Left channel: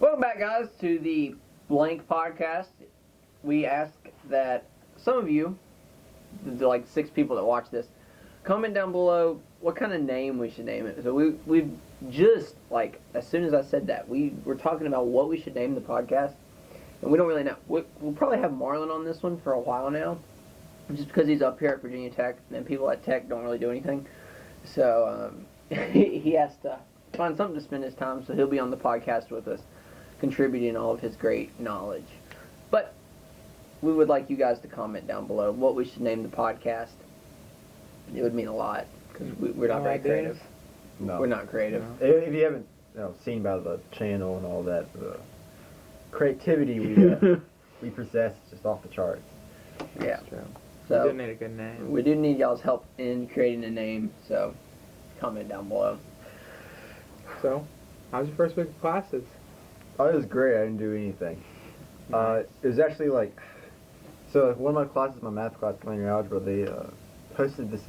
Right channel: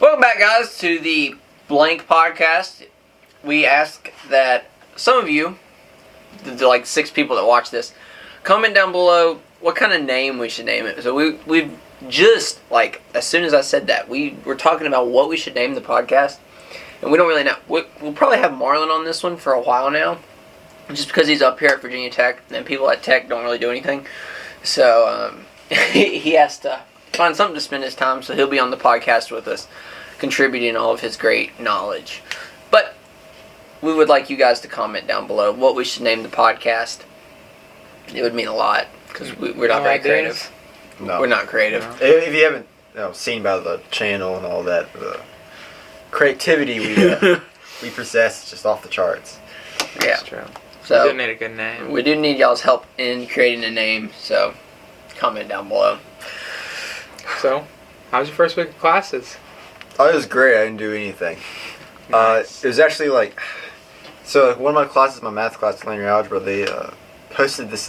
Welcome back, guys, to the Blank Podcast. We ask that some of you, the like 6 people that watch this, comment down below what kind of name we should name it. So we've just, like, as soon as I said that, we were talking about what we should name the podcast, and we don't really know. We'll probably have Marlon on this one for a while now, just because he's up here at Virginia Tech, and people at Tech don't really do anything. So he has to find something to spend his time, so he'll be on the podcast with us, contributing all of his great knowledge. But we would like you guys to comment down below what we should name the podcast. It would mean a lot, because we're not very creative. No. We're not creative. No. If you haven't seen by the channel and all that, the creativity we possess is just off the charts. Yeah. That's true. So we do need a good name. We do need y'all's help in creating a name, so comment down below. So, how was your first week of classes? Oh, it was great. I didn't do anything. Nice. It was actually like, so one of my classes, my math class, linear algebra, they posted this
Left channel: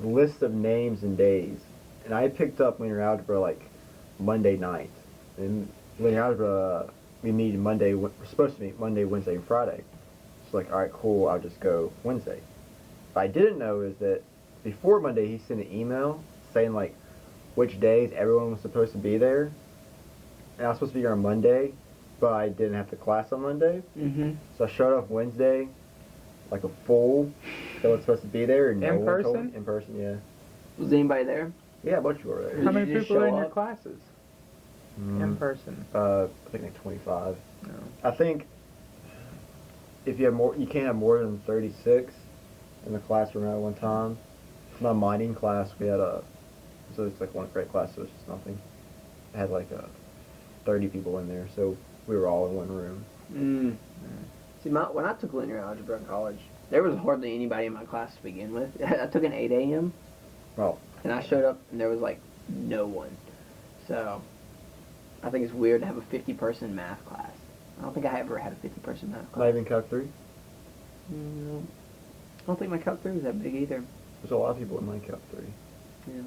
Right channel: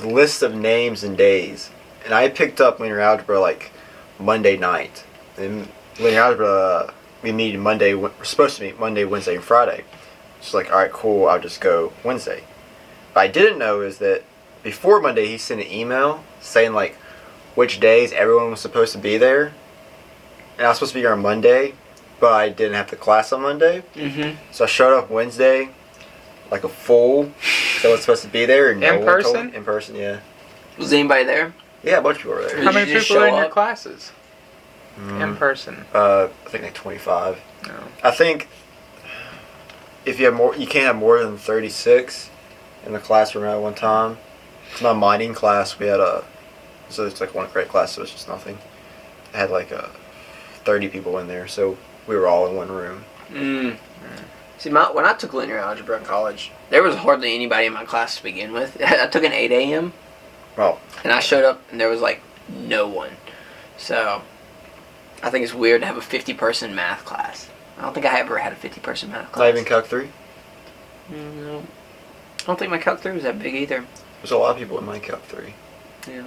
list of names and days, and I picked up linear algebra like Monday night. And linear algebra, we're supposed to meet Monday, Wednesday, and Friday. So like, all right, cool. I'll just go Wednesday. What I didn't know is that before Monday, he sent an email saying like which days everyone was supposed to be there. And I was supposed to be here on Monday, but I didn't have the class on Monday. Mm-hmm. So I showed up Wednesday like a fool. So I was supposed to be there. And In person? In person, yeah. Was anybody there? Yeah, a bunch of people were there. Did How you many just people are show in your up? classes? In person? I think like 25. No. I think if you have more, you can't have more than 36 in the classroom at one time. It's my mining class. We had so it's like one great class, so it's just nothing. I had like 30 people in there, so we were all in one room. See, when I took linear algebra in college, there was hardly anybody in my class to begin with. I took an 8 a.m. Well, and I showed up, and there was like no one. So I think it's weird to have a 50-person math class. I don't think I ever had a 50-person math class. not even Calc 3. No. I don't think my Calc 3 was that big either. There's a lot of people in my Calc 3. Yeah.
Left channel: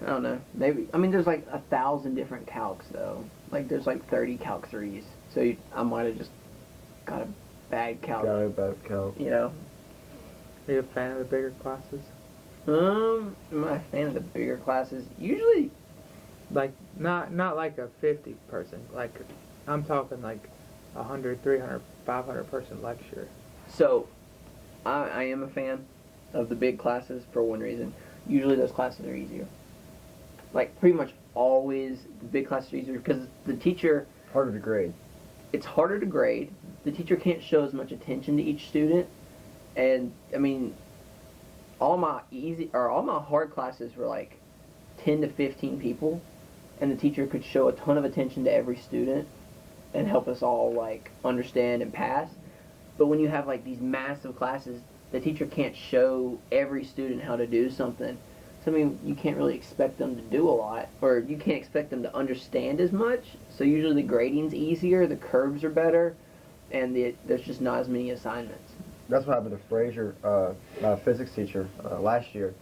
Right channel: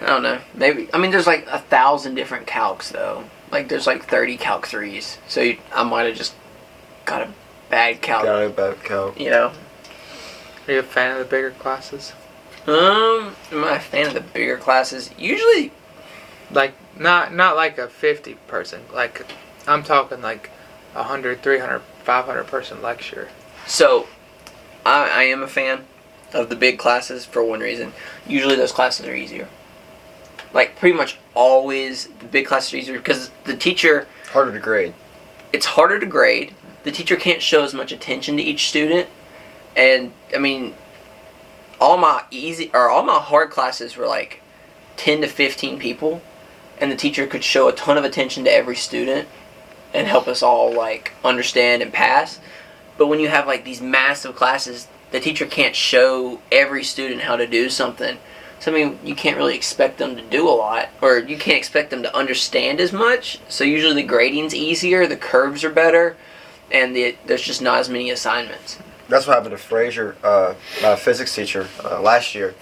I don't know. Maybe. I mean, there's like 1,000 different calcs though. Like there's like 30 Calc 3s. So I might have just got a bad calc. Got a bad Calc. You know. Are you a fan of the bigger classes? Am I a fan of the bigger classes? Usually. Like, not like a 50 person. Like, I'm talking like 100, 300, 500 person lecture. So, I am a fan of the big classes for one reason. Usually those classes are easier. Like, pretty much always the big classes are easier because the teacher... Harder to grade. It's harder to grade. The teacher can't show as much attention to each student. And, I mean, all my hard classes were like 10 to 15 people. And the teacher could show a ton of attention to every student and help us all, like, understand and pass. But when you have, like, these massive classes, the teacher can't show every student how to do something. So, I mean, you can't really expect them to do a lot, or you can't expect them to understand as much. So usually the grading's easier, the curves are better, and there's just not as many assignments. That's what happened to Fraser, my physics teacher, last year.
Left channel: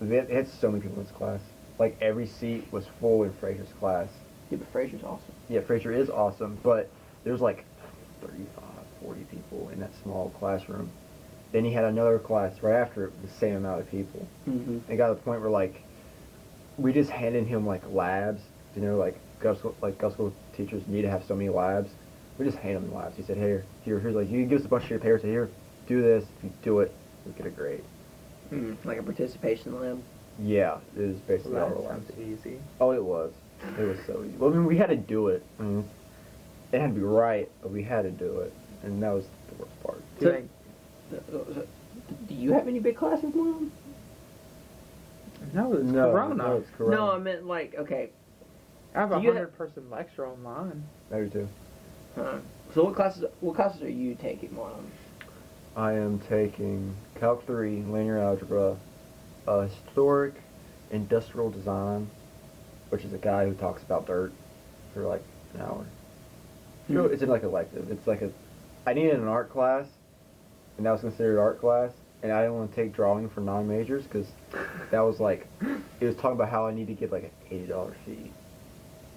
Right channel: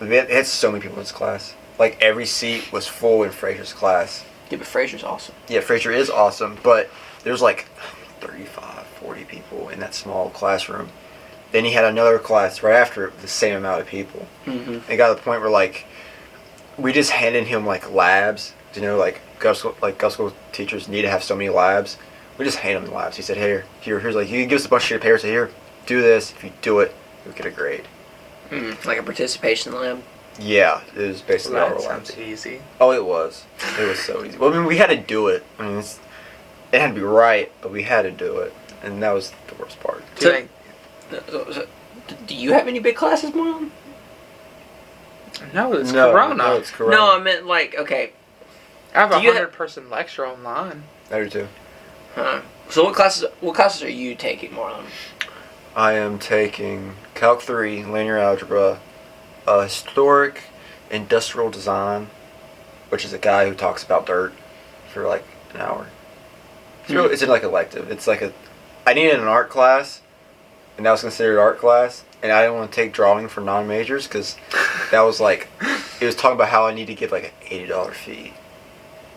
We had so many people in his class. Like, every seat was full in Fraser's class. Yeah, but Fraser's awesome. Yeah, Fraser is awesome, but there's like 35, 40 people in that small classroom. Then he had another class right after it with the same amount of people. Mm-hmm. It got to the point where, like, we just handed him, like, labs. You know, like, gov school teachers need to have so many labs. We just hand him the labs. He said, here's, like, you can give us a bunch of your papers. Say, here, do this. If you do it, you'll get a grade. Like a participation lab. Yeah, it was basically Well, all that our labs. sounds easy. Oh, it was. It was so easy. Well, I mean, we had to do it. I mean, it had to be right, but we had to do it. And that was the worst part. Do you think... Do you have any big classes, Mom? No, it's No, Corona. no, it's Corona. No, I meant like, okay. I have a Do you 100 person lecture online. I do too. Huh. So what classes are you taking, Marlon? I am taking Calc 3, linear algebra, historic industrial design, which is a guy who talks about dirt for like an hour. It's in like elective. It's like I needed an art class, and that was considered art class, and I didn't want to take drawing for non-majors because that was like, it was talking about how I need to give like an $80 fee.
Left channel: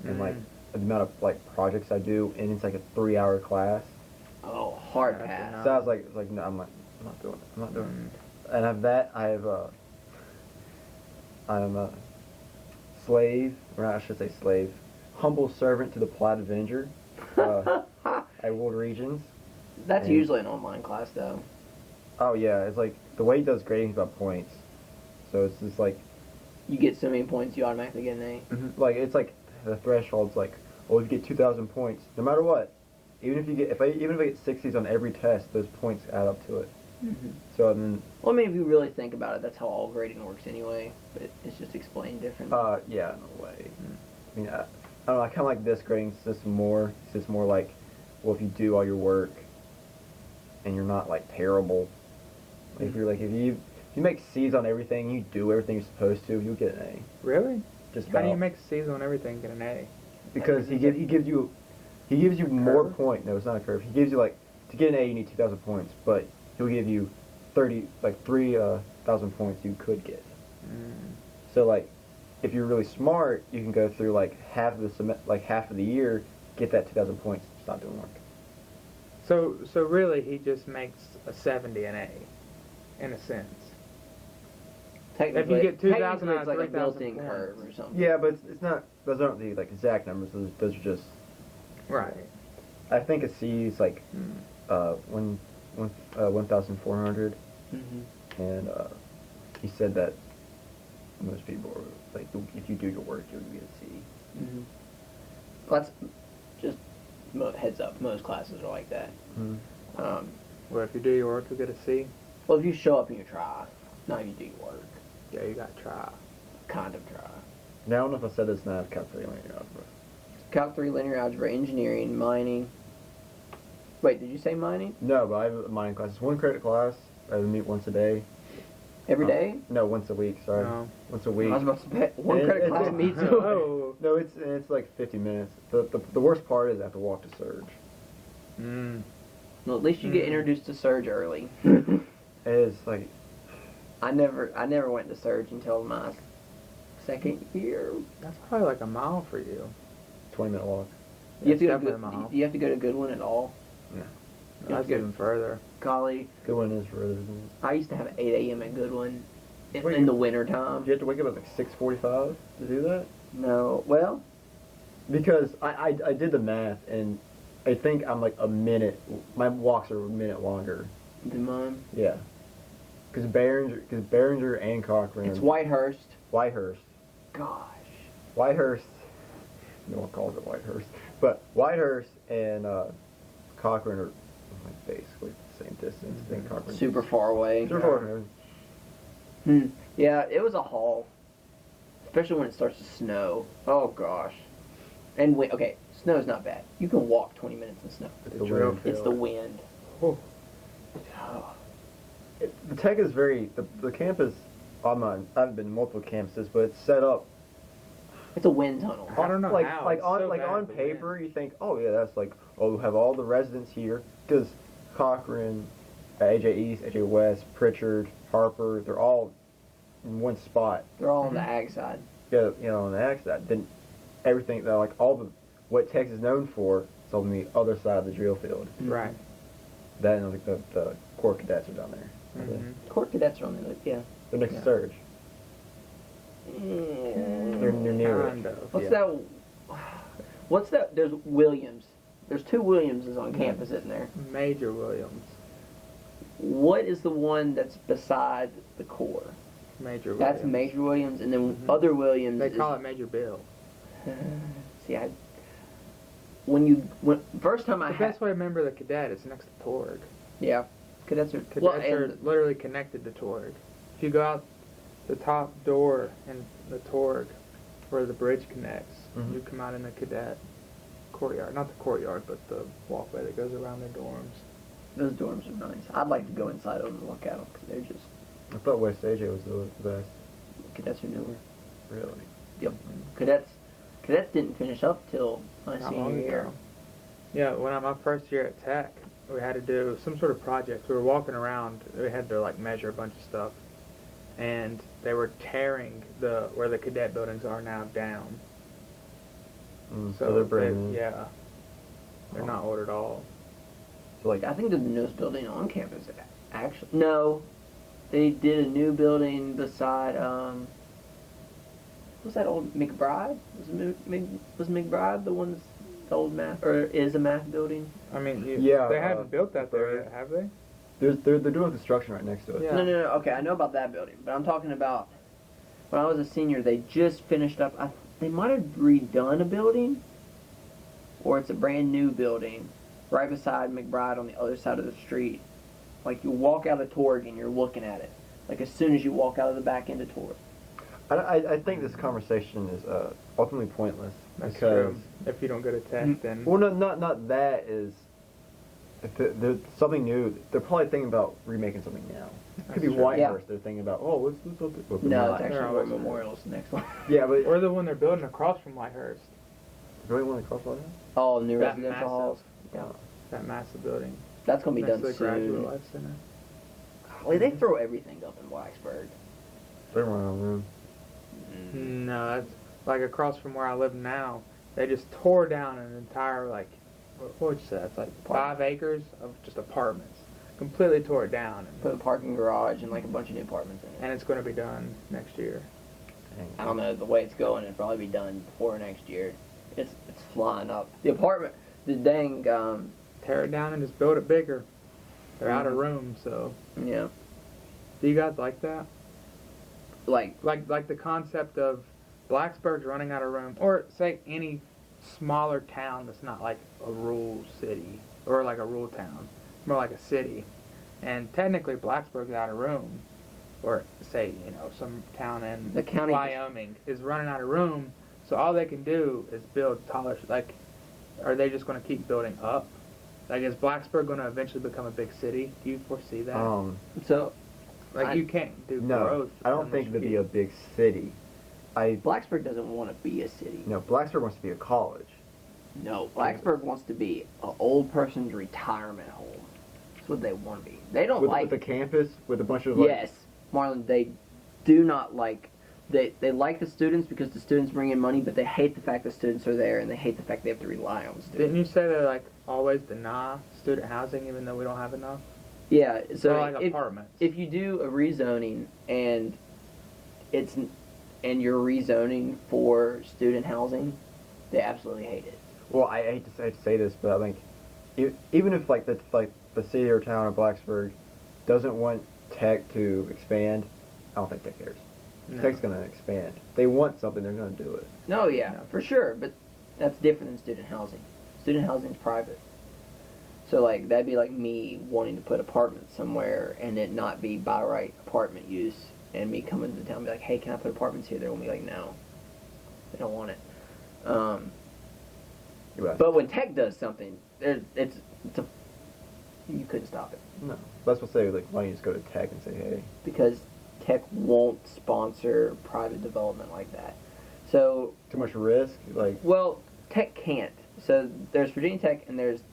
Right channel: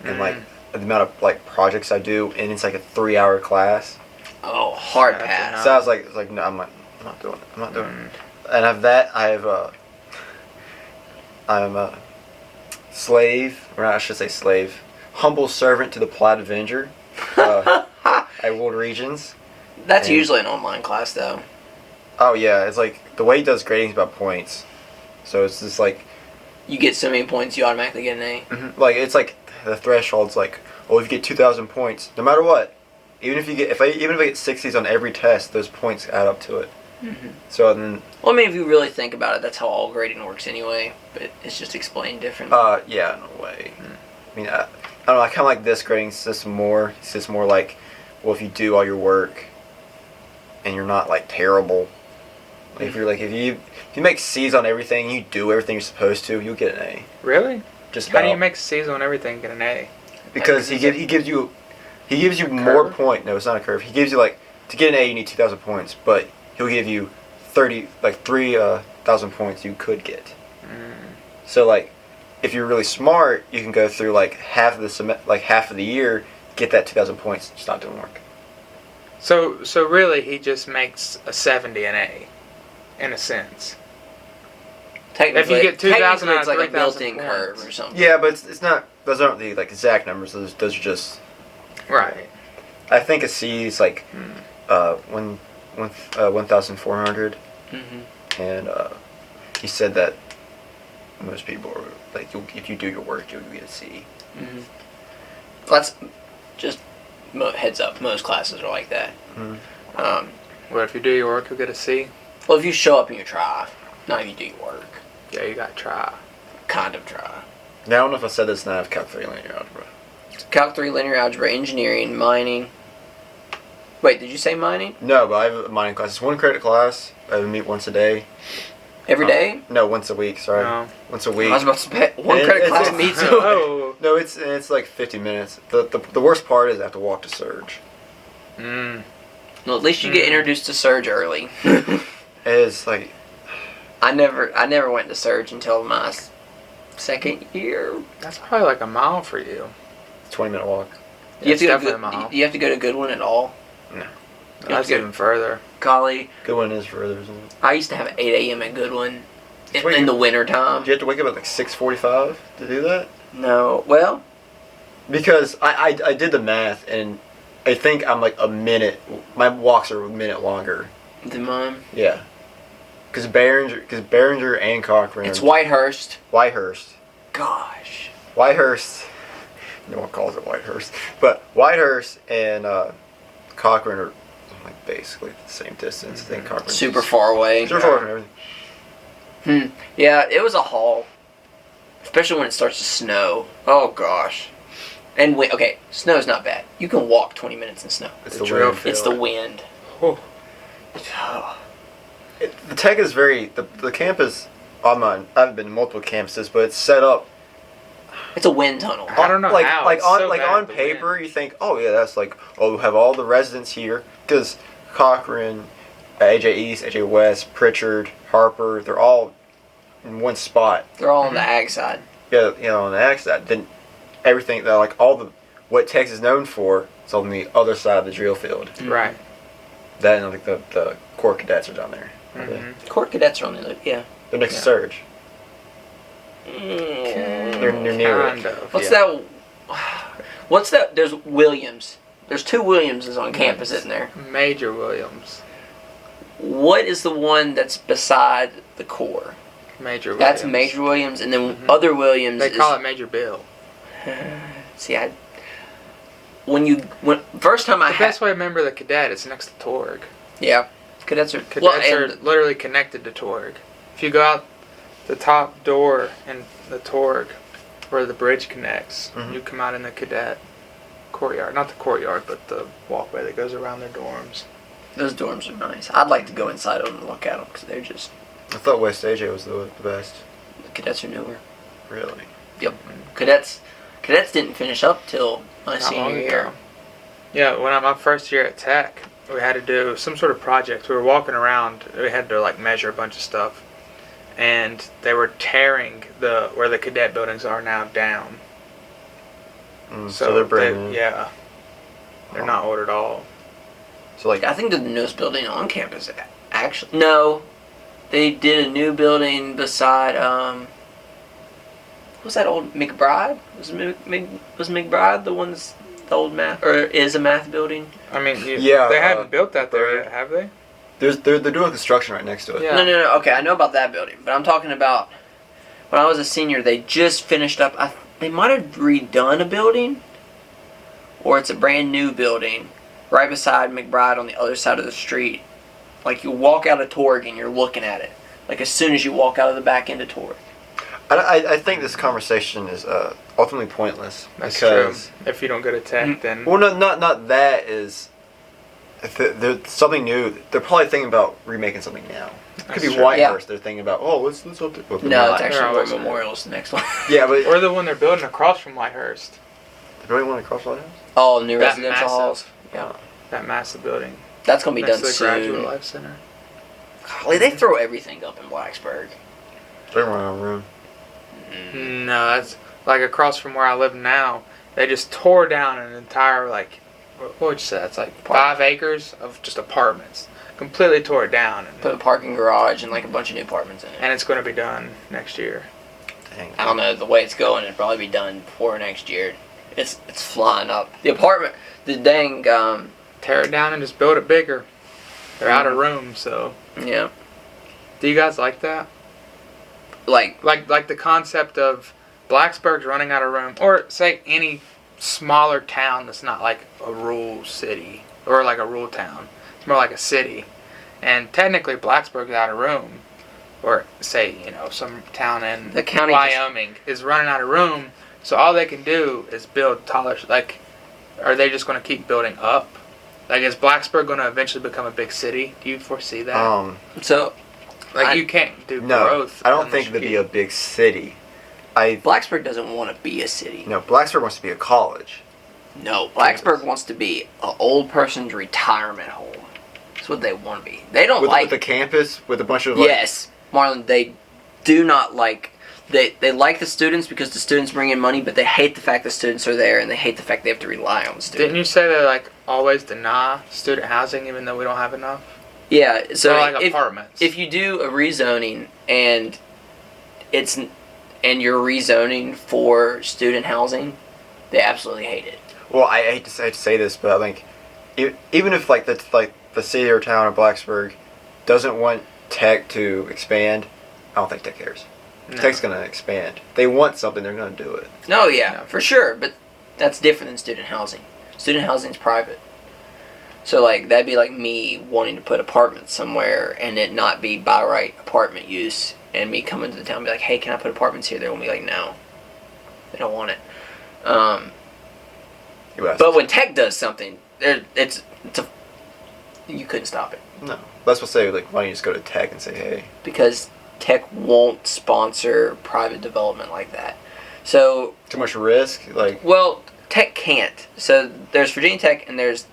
and like the amount of like projects I do, and it's like a 3-hour class. Oh, hard That's pass. enough. So I was like, no, I'm not doing it. I'm not doing it. And I have that. I'm a slave, or I should say slave, humble servant to the Plaid Avenger at World Regions. That's And- usually an online class, though. Oh yeah, it's like the way he does grading is about points. So it's just like, You get so many points, you automatically get an A. like it's like the threshold's like, well, if you get 2,000 points, no matter what, even if I get 60s on every test, those points add up to it. Mm-hmm. So then, Well, I mean, if you really think about it, that's how all grading works anyway. But it's just explained differently. yeah, in a way. I mean, I don't know. I kind of like this grading system more. It's just more like, well, if you do all your work, and you're not like terrible, like if you're like if you make C's on everything, you do everything you're supposed to, you'll get an A. Really? Just How about. do you make C's on everything and get an A? Because he gives you more point. No, it's not a curve. He gives you like to get an A, you need 2,000 points, but he'll give you 3,000 points you could get. So like, if you're really smart, you can go through like half of the year, get that 2,000 points, just not doing work. So really, he just makes a 70 an A, in a sense. Technically, if you get 2,000 technically it's out like of a built-in 3,000 curve points. or something. Yeah, but it's not. Those aren't the like exact numbers. Those are just. Right. I think a C is like 1,400, Mm-hmm. and he said that most people are like, if you do your work, you'll get a C. Mm-hmm. That's just heads up. Most classes are like that. Mm-hmm. Well, if you do your work, you'll get a C. Well, if you show up and you try, not if you do your work. Yeah, you gotta try. Kind of try. Now I don't know if I said this. Now I have Calc 3 linear algebra. Calc 3, linear algebra, engineering, mining. Wait, did you say mining? No, but I have a mining class. It's 1 credit class. I meet once a day. Every day? No, once a week. Sorry, No. once a I week. was about to say, one And credit it's- class it's- meets Oh. No, it's like 50 minutes. The worst part is I have to walk to Surge. Mm. Well, at least you get introduced to Surge early. It's like I never went to Surge until my second year. That's probably like a mile for you. 20-minute walk. You have, to it's go definitely to, a mile. you have to go to Goodwin at all? No. That's good. even further. Golly, Good one is further. Isn't it? I used to have 8 a.m. at Goodwin Wait. in the winter time. Did you have to wake up at like 6:45 to do that? No, well, Because I did the math and I think I'm like a minute. My walks are a minute longer. the mine. Yeah. Because Behringer and Cochran. It's Whitehurst. Whitehurst. Gosh. Whitehurst. No one calls it Whitehurst, but Whitehurst and Cochran are like basically the same distance. I think Cochran Super far away. Super far from everything. Yeah, it was a haul. Especially when it starts to snow. Oh, gosh. And okay, snow's not bad. You can walk 20 minutes in snow. It's The the drill wind. field. It's the wind. Oh. The tech is the campus. I haven't been to multiple campuses, but it's set up. It's a wind tunnel. I don't know like how. like It's on so like bad on with the paper wind. you think, oh yeah, that's like, oh, we have all the residents here because Cochran, AJ East, AJ West, Pritchard, Harper, they're all in one spot. They're all on the ag side. Yeah, on the ag side. Then everything that like all the what Texas is known for is on the other side of the drill field. Right. That and like the Corps cadets are down there. Mhm. Court cadets are on the other. Yeah. They're next Yeah. to Surge. Mm. They're near it. Kind of. What's yeah. that? What's that? There's Williams. There's 2 Williamses on campus, isn't there? Major Williams. What is the one that's beside the core? Major Williams. That's Major Williams, and then Mhm. other Williams. They is, call it Major Bill. See, when first time I The had, best way to remember the cadet is next to Torg. yeah, cadets are Cadets well, are and literally connected to Torg. If you go out the top door in the Torg, where the bridge connects, Mhm. you come out in the cadet courtyard. Not the courtyard, but the walkway that goes around their dorms. those dorms are nice. I'd like to go inside them and look at them because they're just I thought West AJ was the best. the cadets are newer. Really? Cadets didn't finish up till my Not senior long year. ago. Yeah, when my first year at Tech, we had to do some sort of project. We were walking around. We had to like measure a bunch of stuff, and they were tearing where the cadet buildings are now down. So they're brand new. Yeah. They're not old at all. So like, I think they're the newest building on campus. Actually, no, they did a new building beside what was that old McBride? Was McBride the one's the old math or is a math building? I mean, Yeah, they haven't built that there Bird. yet, have they? they're doing construction right next to it. Yeah. No. Okay, I know about that building, but I'm talking about when I was a senior. They just finished up. They might have redone a building, or it's a brand new building right beside McBride on the other side of the street. Like you walk out of Torg and you're looking at it. Like as soon as you walk out of the back end of Torg. I think this conversation is ultimately pointless That's because true. If you don't go to Tech, then well, not that is. If there's something new, they're probably thinking about remaking something now. It could That's be true. Whitehurst. Yeah. They're thinking about let's update. Well, No, it's they're actually They're War always- Memorial's the next one. yeah, but or the one they're building across from Whitehurst. they really want to cross Whitehurst. Oh, new That residential massive. halls. Yeah, That massive building that's gonna be next done to the Graduate soon. Life Center. Golly, they throw everything up in Blacksburg. They're running out of room. No, that's like across from where I live now. They just tore down an entire what would you say? It's like 5 acres of just apartments. Completely tore it down, Put a parking garage and like a bunch of new apartments in it. and it's going to be done next year. Dang. I don't know the way it's going. It'll probably be done before next year. It's flying up. The apartment, the dang, Tear it down and just build it bigger. They're out of room, so. yeah, Do you guys like that? like Like the concept of Blacksburg's running out of room, or say any smaller town that's not like a rural city or like a rural town. It's more like a city, and technically Blacksburg's out of room, or say some town in the county. Wyoming is running out of room, so all they can do is build taller. Like, are they just going to keep building up? Like, is Blacksburg going to eventually become a big city? Do you foresee that? So You can't do No, growth. I don't unless think you it'd be keep- a big city. Blacksburg doesn't want to be a city. No, Blacksburg wants to be a college. No, Blacksburg wants to be an old person's retirement home. That's what they want to be. They don't With like. a campus with a bunch of Yes, Marlon. They do not like. They like the students because the students bring in money, but they hate the fact the students are there, and they hate the fact they have to rely on the students. Didn't you say they always deny student housing even though we don't have enough? Yeah. So or like if, apartments. if you do a rezoning and you're rezoning for student housing, they absolutely hate it. Well, I hate to say this, but I think even if the city or town of Blacksburg doesn't want Tech to expand, I don't think Tech cares. No. Tech's gonna expand. They want something, they're gonna do it. No, yeah, No. for sure, but that's different than student housing. Student housing's private. So that'd be like me wanting to put apartments somewhere and it not be by right apartment use, and me coming to the town and be like, hey, can I put apartments here? They won't be like, no. They don't want it. But when Tech does something, you couldn't stop it. No, that's what I say. Why don't you just go to Tech and say, hey? Because Tech won't sponsor private development like that. So, Too much risk. well, Tech can't. So there's Virginia Tech and there's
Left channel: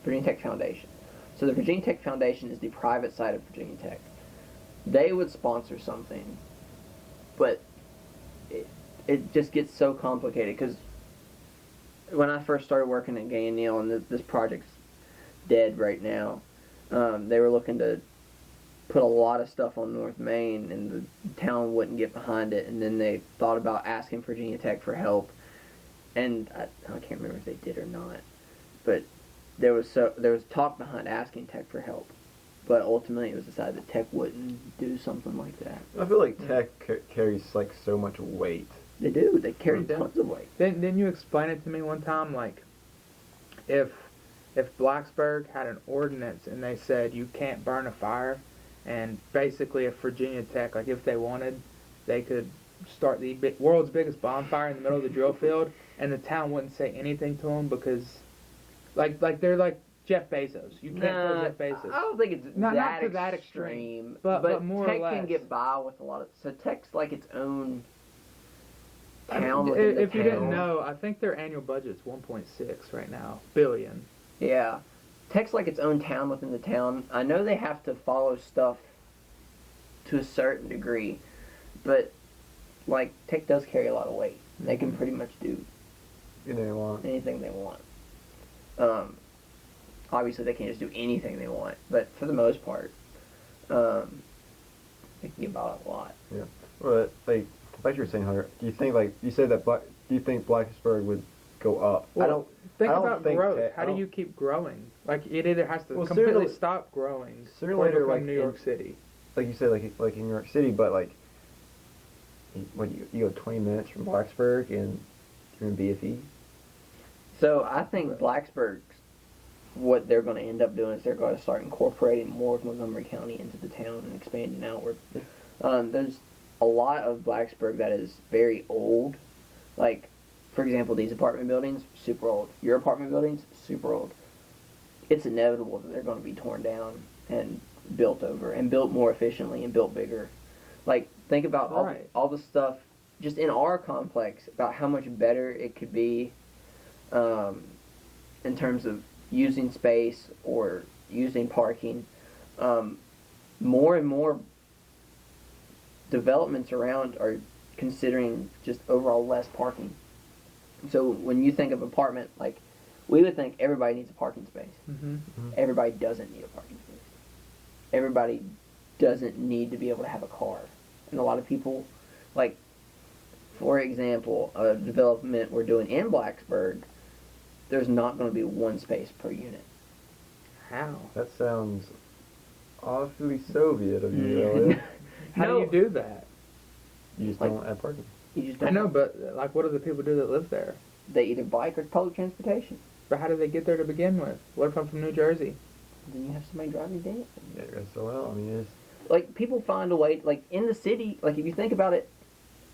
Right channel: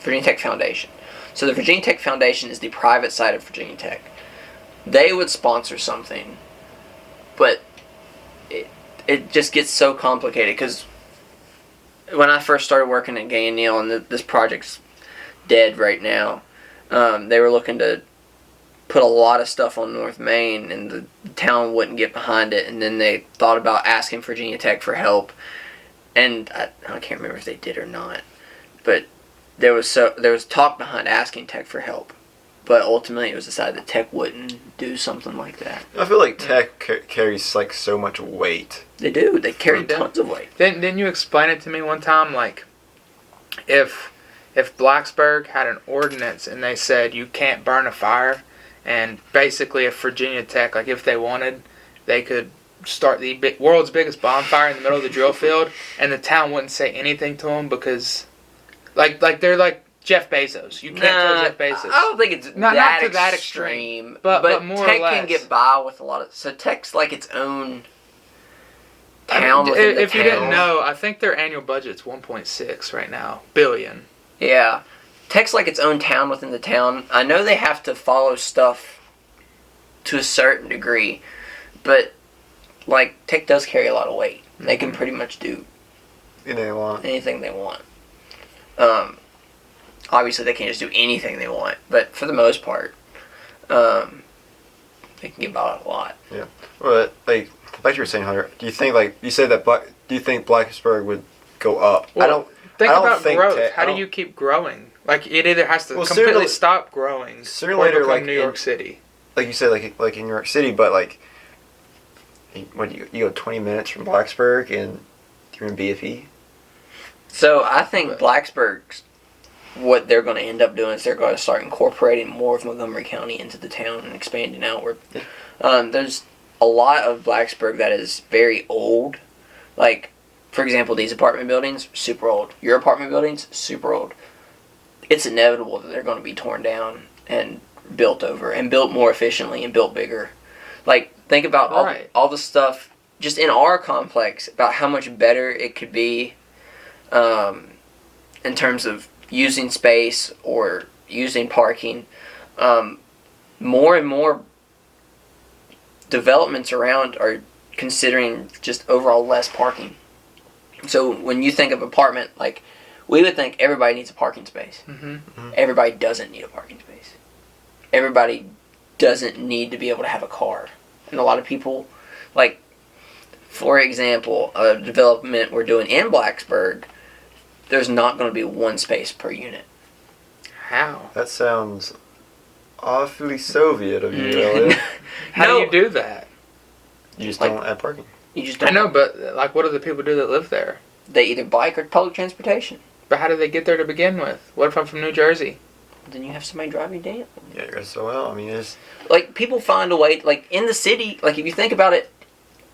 Virginia Tech Foundation. So the Virginia Tech Foundation is the private side of Virginia Tech. They would sponsor something, but it just gets so complicated because when I first started working at Gay and Neal, and this project's dead right now, they were looking to put a lot of stuff on North Main, and the town wouldn't get behind it. And then they thought about asking Virginia Tech for help, and I can't remember if they did or not, but there was talk behind asking Tech for help, but ultimately it was decided that Tech wouldn't do something like that. I feel like Tech carries so much weight. They do. They carry They do. tons of weight. Didn't you explain it to me one time? If Blacksburg had an ordinance and they said you can't burn a fire, and basically if Virginia Tech, if they wanted, they could start the world's biggest bonfire in the middle of the drill field, and the town wouldn't say anything to them because, they're like Jeff Bezos. You can't tell Jeff Bezos. I don't think it's Not that to that extreme. but more or Tech less. can get by with a lot of. So Tech's like its own I mean, town within the if you didn't town. know, I think their annual budget's 1.6 right now billion. Yeah. Tech's like its own town within the town. I know they have to follow stuff to a certain degree, but Tech does carry a lot of weight. They can pretty much do they want. Anything they want. Obviously, they can't just do anything they want, but for the most part, they can get by a lot. Yeah. But like you were saying, Hunter, do you think like you said that? Do you think Blacksburg would go up? Well, I don't. Think I don't about think growth. I How do don't- you keep growing? Like it either has to Well, completely sooner- stop growing sooner or or later, become like, New York City. Like you said, like in New York City, but like, what you go 20 minutes from Blacksburg and you're in BFE. So I think But- Blacksburg's, what they're going to end up doing is they're going to start incorporating more of Montgomery County into the town and expanding outward. There's a lot of Blacksburg that is very old. Like, for example, these apartment buildings, super old. Your apartment buildings, super old. It's inevitable that they're going to be torn down and built over and built more efficiently and built bigger. Like, think about Right. all the stuff just in our complex about how much better it could be in terms of using space or using parking. More and more developments around are considering just overall less parking. So when you think of apartment, like, we would think everybody needs a parking space. Mm-hmm. Everybody doesn't need a parking space. Everybody doesn't need to be able to have a car. And a lot of people, like, for example, a development we're doing in Blacksburg, there's not going to be one space per unit. How? That sounds awfully Soviet of you, Mm. Elliot. How No. do you do that? You just Like- don't have parking. You just I don't. know, but like, what do the people do that live there? They either bike or public transportation. But how do they get there to begin with? What if I'm from New Jersey? Then you have somebody drive you down. Yeah, you're so well. I mean, it's Like, people find a way, like, in the city, like, if you think about it,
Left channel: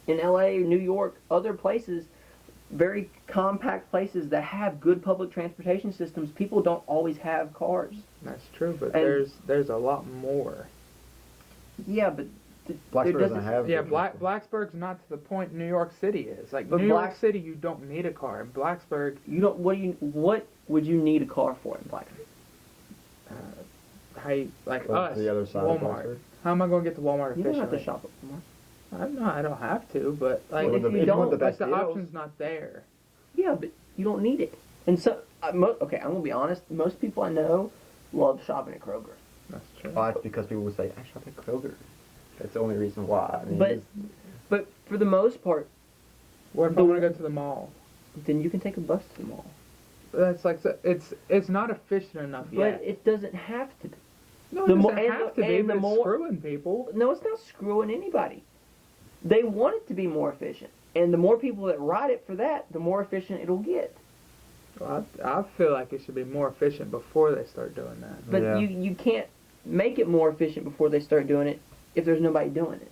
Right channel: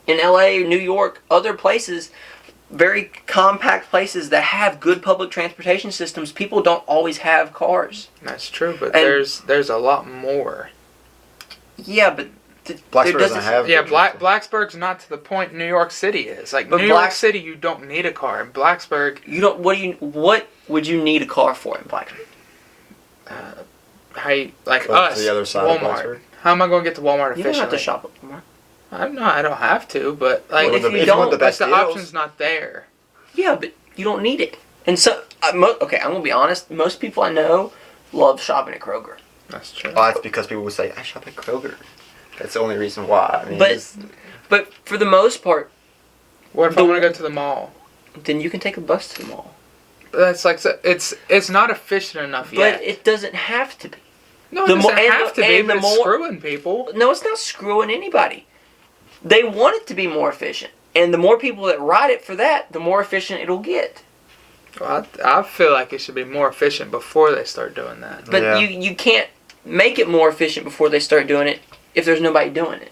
in LA, New York, other places, very compact places that have good public transportation systems, people don't always have cars. That's true, but And- there's a lot more. Yeah, but Blacksburg doesn't have. Yeah, good transport. Blacksburg's not to the point New York City is. Like But New York City, you don't need a car. In Blacksburg, you don't. What would you need a car for in Blacksburg? like Go us, to the other side of Walmart. Blacksburg. How am I going to get to Walmart You don't have efficiently? to shop at Walmart. I don't have to, but like, Well, If if you you want don't, the like best the deals, option's not there. Yeah, but you don't need it. And so, okay, I'm gonna be honest. Most people I know love shopping at Kroger. That's true. Oh, that's because people would say I shop at Kroger. That's the only reason why. I mean, But- it's- But for the most part, What if I want to go to the mall? then you can take a bus to the mall. That's like it's not efficient enough But yet. it doesn't have to be. No, it the doesn't mo- and have the- to be, and but the it's more- screwing people. No, it's not screwing anybody. They want it to be more efficient. And the more people that ride it for that, the more efficient it'll get. Well, I feel like it should be more efficient before they start doing that. But Yeah. you can't make it more efficient before they start doing it if there's nobody doing it.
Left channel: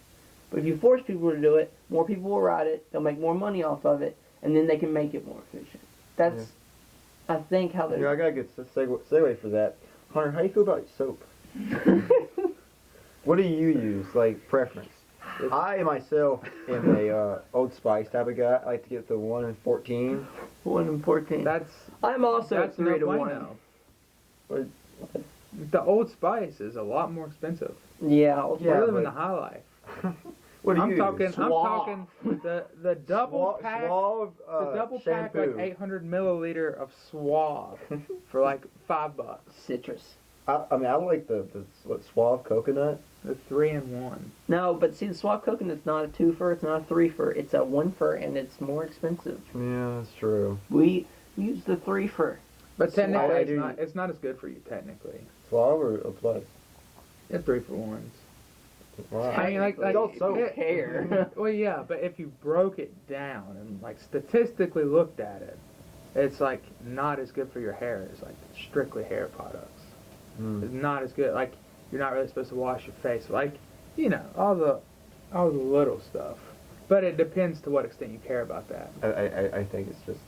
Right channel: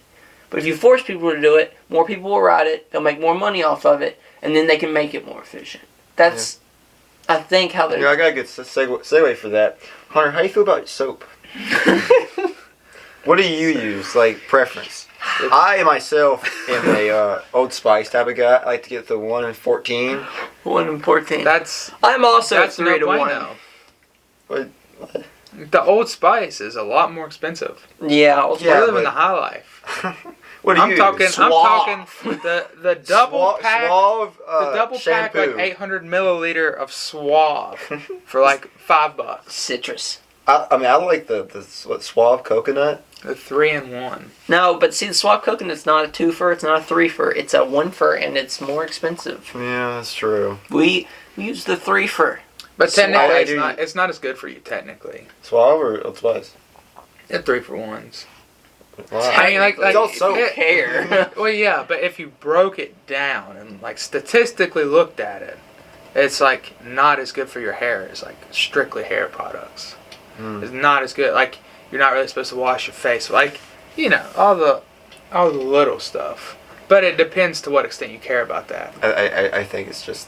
But if you force people to do it, more people will ride it, they'll make more money off of it, and then they can make it more efficient. That's, I think, how they... Yeah, I got a good segue for that. Hunter, how do you feel about soap? What do you use, like, preference? I, myself, am a Old Spice type of guy. I like to get the 1 in 14. 1 in 14. That's I'm also that's 3 no to 1. bueno. What? The Old Spice is a lot more expensive. Yeah, Old Yeah, We're living but- the high life. What do you I'm use? talking Suave. the double pack. Suave, The double pack, shampoo. like 800 milliliter of Suave for like $5. Citrus. I mean, I like the Suave coconut. The 3-in-1. No, but see, the Swap Coconut's not a 2-fer, it's not a 3-fer, it's a 1-fer, and it's more expensive. Yeah, that's true. We use the 3-fer. But Suave, technically, I it's do- not. It's not as good for you. Technically, Suave or Old Spice? they're 3-for-1s. Wow. I mean, like It's all soap. Who care? Well, yeah, but if you broke it down and like statistically looked at it, it's like not as good for your hair as like strictly hair products. Mm. It's not as good. Like you're not really supposed to wash your face. Like all the little stuff. But it depends to what extent you care about that. I think it's just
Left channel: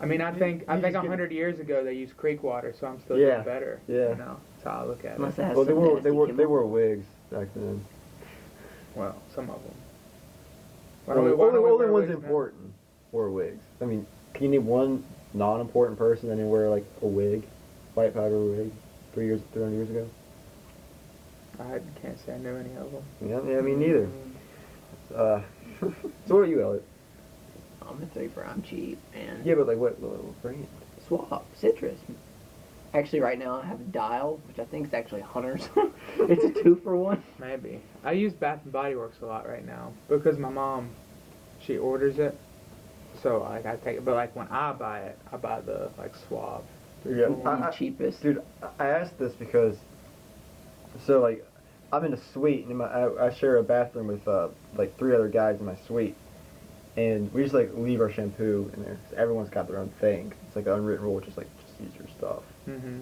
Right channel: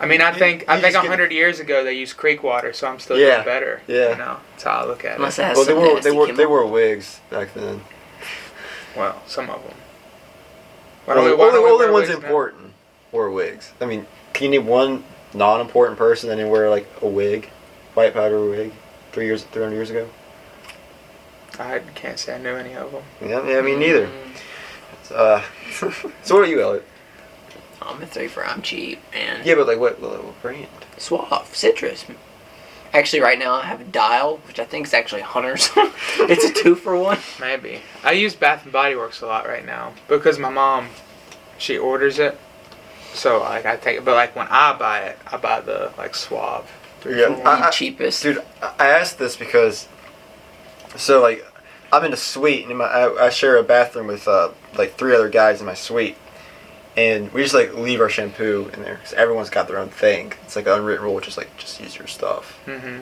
I mean, I You- think you I think just get- 100 years ago they used creek water, so I'm still Yeah, doing better. yeah. You know, that's how I look at Unless it. it has well, they some were nasty they chemical. wore wigs back then. Well, some of them. Only wear ones wigs now? important wore wigs. I mean, can you name one non-important person that didn't wear like a wig, white powder wig, 300 years ago? I can't say I knew any of them. Yeah, me neither. So what are you, Elliot? I'm a 3 for I'm cheap, man. Yeah, but like what brand? Suave, citrus. Actually, right now I have a Dial, which I think is actually Hunter's. It's a 2 for 1. Maybe. I use Bath and Body Works a lot right now because my mom, she orders it. So like I take it, but like when I buy it, I buy the like Suave. Yeah, The cheapest. dude. I asked this because, so like, I'm in a suite and I share a bathroom with like 3 other guys in my suite, and we just like leave our shampoo in there because everyone's got their own thing. It's like an unwritten rule, just use your stuff,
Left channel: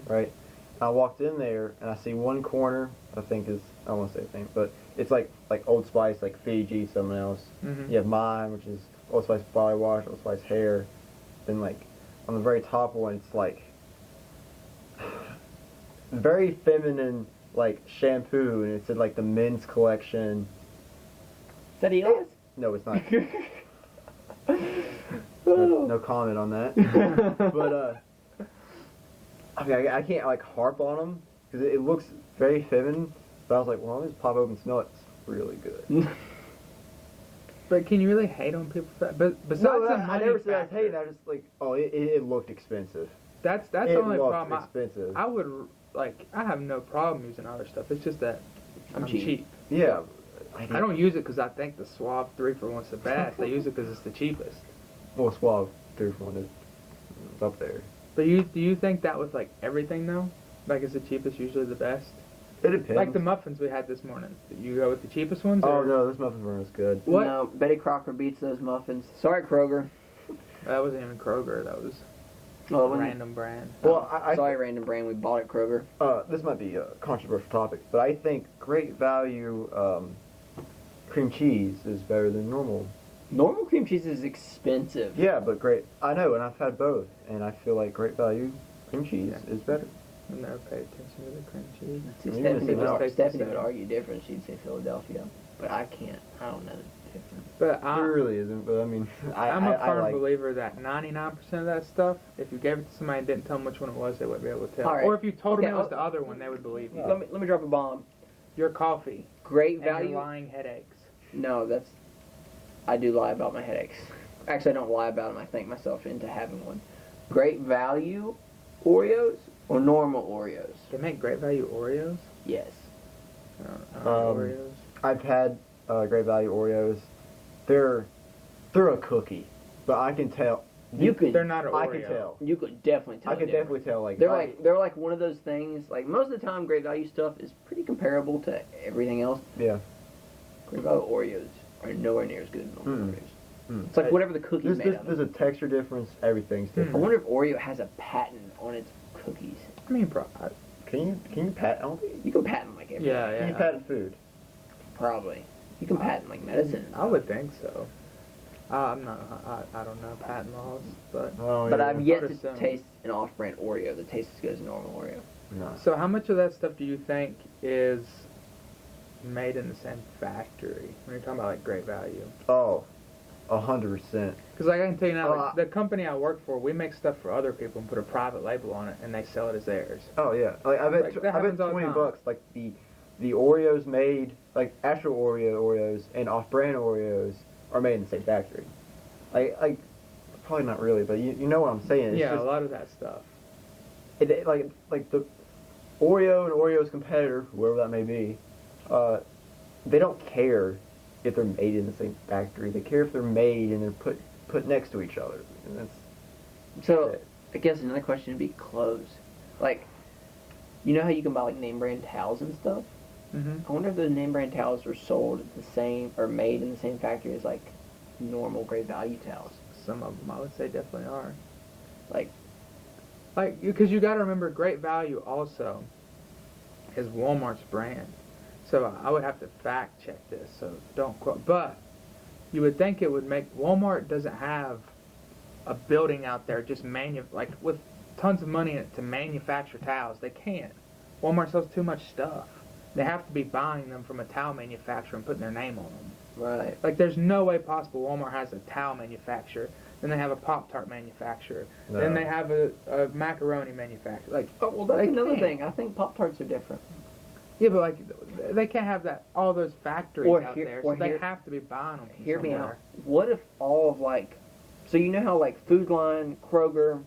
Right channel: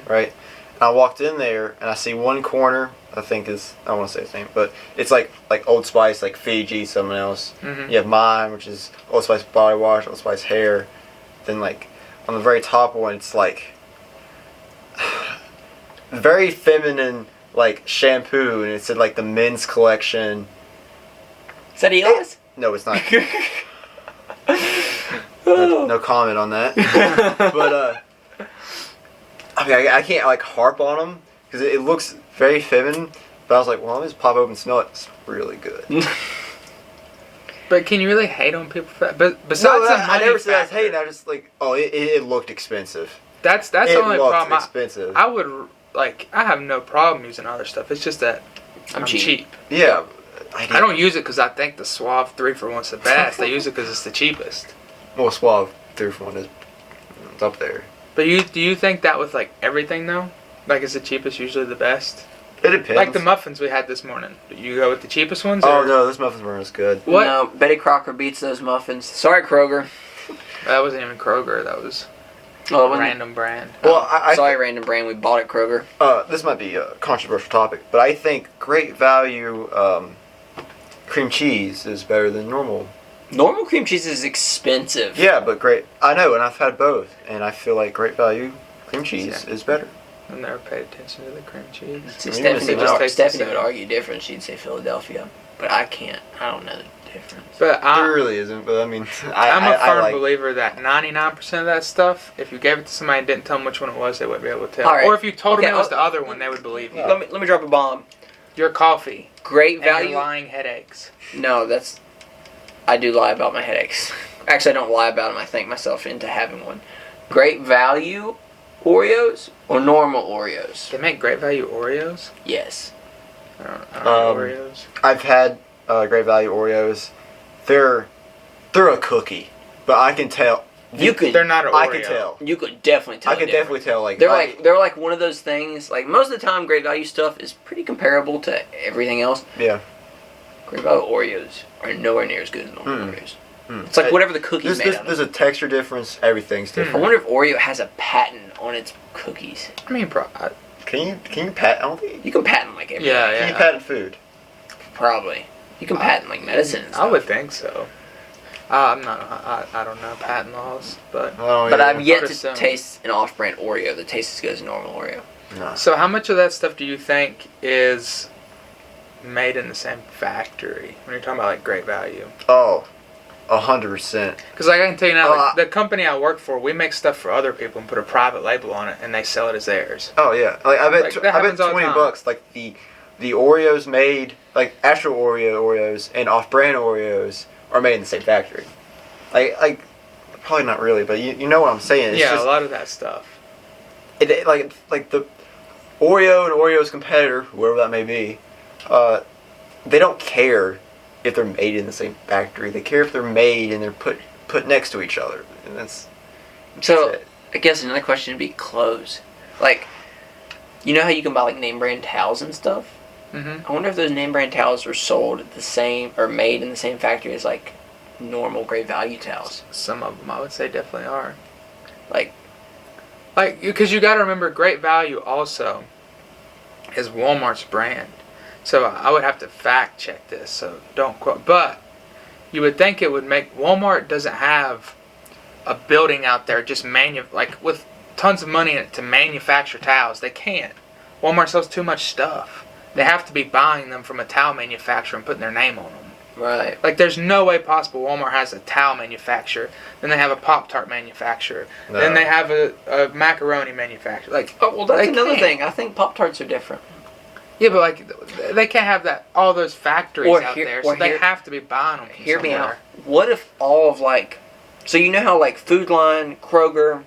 right? And I walked in there and I see one corner. I think is, I don't want to say his name, but it's like Old Spice, like Fiji, someone else. You have mine, which is Old Spice body wash, Old Spice hair. Then like on the very top one, it's like very feminine like shampoo, and it said like the men's collection. Is that Eli's? No, it's not. No comment on that. But I mean, I can't like harp on them because it looks very feminine. But I was like, well, let me just pop open and smell it. It's really good. But can you really hate on people for that? But besides the money I never said I was factor, hating. I just like, oh, it looked expensive. That's It the only looked problem. expensive. I would like. I have no problem using other stuff. It's just that I'm cheap. Yeah. I don't use it because I think the Suave 3 for 1's the best. I use it because it's the cheapest. Well, Suave 3 for 1 is it's up there. But do you think that with like everything though? Like is the cheapest usually the best? It depends. Like the muffins we had this morning. Do you go with the cheapest ones? Oh or? no, those muffins weren't as good. What? No, Betty Crocker beats those muffins. Sorry, Kroger. That wasn't even Kroger. That was Oh, a random brand. Well, sorry, random brand. We bought at Kroger. This might be a controversial topic, but I think Great Value cream cheese is better than normal. Normal cream cheese is expensive. Yeah, but I know, and I've had both, and I feel like Great Value cream cheese is better. I've never paid attention to the cream cheese. See, I mean, it just tastes the Stephanie would same. argue different. She'd say Philadelphia, but I can't. I don't know the difference. But There really isn't, but I mean, I'm a firm like, believer that 99% of that stuff, if you gave it to somebody and didn't tell them which one it was, they wouldn't be able to tell. All right. Or if you told Okay, them it was the other one, they would believe you. Let me drop a bomb. Your coffee. Great And value. your lying headaches. No, I do lie about my headaches. Actually, I don't lie about them. I think myself into having one. Great value Oreos or normal Oreos? They make Great Value Oreos? Yes. I don't know Oreos. I've had Great Value Oreos. They're a cookie, but I can tell. They're not an Oreo. I can tell. You could definitely tell. I could definitely tell. Like they're like one of those things. Like most of the time, Great Value stuff is pretty comparable to everything else. Yeah. Great Value Oreos are nowhere near as good as normal Oreos. Mm. It's like whatever the cookie's made out of. There's a texture difference. Everything's I different. wonder if Oreo has a patent on its cookies. I mean, Can you patent? I don't think You can patent like everything. yeah. Can you patent food? Probably. You can patent like medicine and I stuff. would think so. I'm not. I don't know patent laws, but. But I've yet to Understand. taste an off-brand Oreo that tastes as good as a normal Oreo. No. So how much of that stuff do you think is made in the same factory when you're talking about like Great Value? Oh, 100%. Because like I can tell you now, like, the company I work for, we make stuff for other people and put a private label on it, and they sell it as theirs. Oh yeah. Like I bet. Like, that I bet happens all the time. $20. Like the Oreos made, like actual Oreos and off-brand Oreos are made in the same factory. Like probably not really, but you know what I'm saying. It's Yeah, just, a lot of that stuff. like the Oreo and Oreo's competitor, whoever that may be, they don't care if they're made in the same factory. They care if they're made and they're put next to each other, and that's So, it. I guess another question would be clothes. Like, you know how you can buy like name brand towels and stuff? Mm-hmm. I wonder if those name brand towels are sold at the same or made in the same factory as like normal Great Value towels. Some of them, I would say, definitely are. Like, Because you got to remember, Great Value also is Walmart's brand. So I would have to fact check this, so don't quote. But you would think it would make Walmart doesn't have a building out there just like with tons of money in it to manufacture towels. They can't. Walmart sells too much stuff. They have to be buying them from a towel manufacturer and putting their name on them. right. Like, there's no way possible Walmart has a towel manufacturer. Then they have a Pop-Tart manufacturer. No. Then they have a macaroni manufacturer. Like, Oh, well, that's they another can't. thing. I think Pop-Tarts are different. Yeah, but like they can't have all those factories Or out here- there, or so they here- have to be buying them from Hear me somewhere. out. What if all of like So you know how like Food Line, Kroger,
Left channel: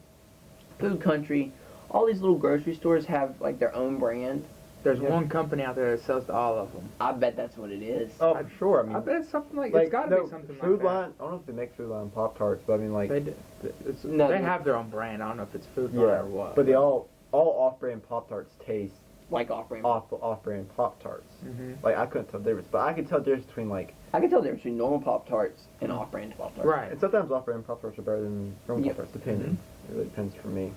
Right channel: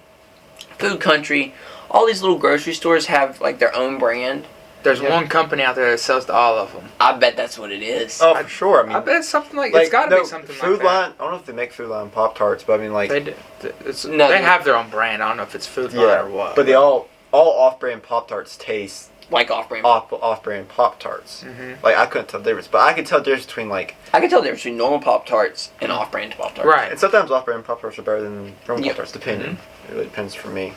Food Country, all these little grocery stores have like their own brand. There's Yeah. one company out there that sells to all of them. I bet that's what it is. Oh, for sure. I mean, I bet it's something like, like it's got to no, be something Food like that. Line. I don't know if they make Food Line Pop Tarts, but I mean like They do. It's, No, they they- have their own brand. I don't know if it's Food Line yeah, or what. but they all off-brand Pop Tarts taste Like off-brand. off-brand Pop Tarts. Mhm. Like I couldn't tell the difference, but I could tell the difference between like. I can tell the difference between normal Pop Tarts and off-brand Pop Tarts. Right. And sometimes off-brand Pop Tarts are better than normal Yep. Pop Tarts, depending. It really depends for me.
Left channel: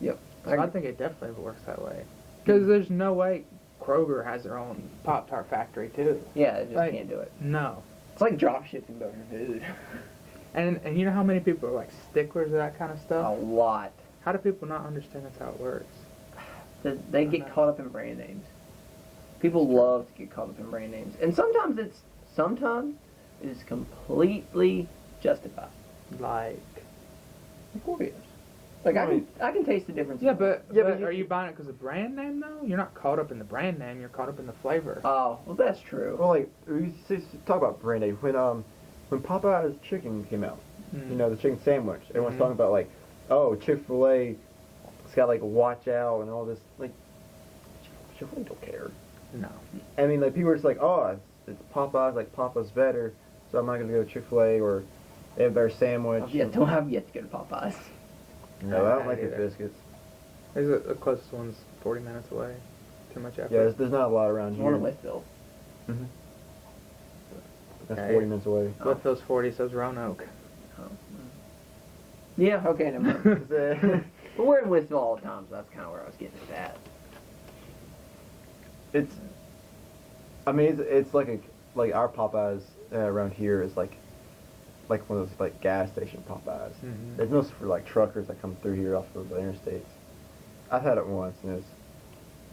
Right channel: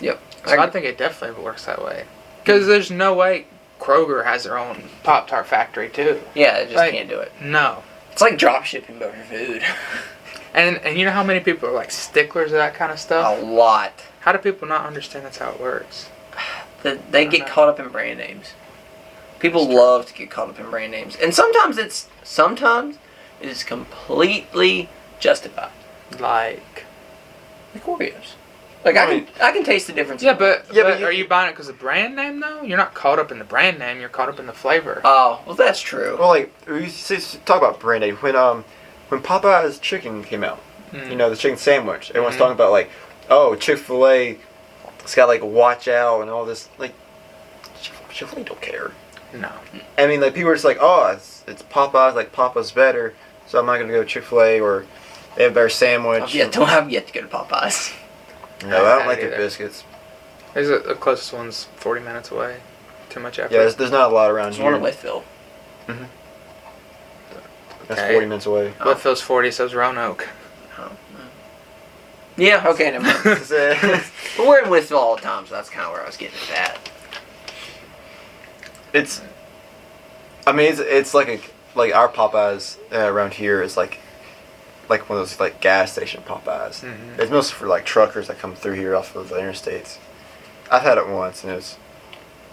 Yep. So I think it definitely works that way. Because there's no way Kroger has their own Pop Tart factory too. Yeah, it just Like- can't do it. No. It's like drop shipping but for food. And you know how many people are like sticklers of that kind of A stuff? lot. How do people not understand that's how it works? They get caught up in brand names. People love to get caught up in brand names, and sometimes it is completely justified. Like, Like Oreos. Like I can taste the difference. yeah, but but are you buying it because of the brand name though? You're not caught up in the brand name. You're caught up in the flavor. Oh, well, that's true. Well, like we talk about brand name when Popeye's chicken came out, Mm. you know, the chicken sandwich. Everyone's Mhm. talking about like, oh, Chick-fil-A, it's got like watch out and all this. Like, Chick-fil-A don't care. No. I mean, like people are just like, oh, it's Popeyes, like Papa's better, so I'm not gonna go to Chick-fil-A or they have a better sandwich. I've yet to go to Popeyes. No, I don't I like haven't their either. biscuits. There's the closest one's 40 minutes away. Too much effort. Yeah, there's not a lot around There's here. one in Whitfield. That's Okay. 40 minutes away. Whitfield's 40, so's Roanoke. Oh, no. Yeah, okay, never mind. But we're in Whitfield all the time, so that's kind of where I was getting at that. It's, I mean, it's like our Popeyes around here is like one of those like gas station Popeyes. Mhm. It's mostly for like truckers that come through here off of the interstates. I've had it once and it was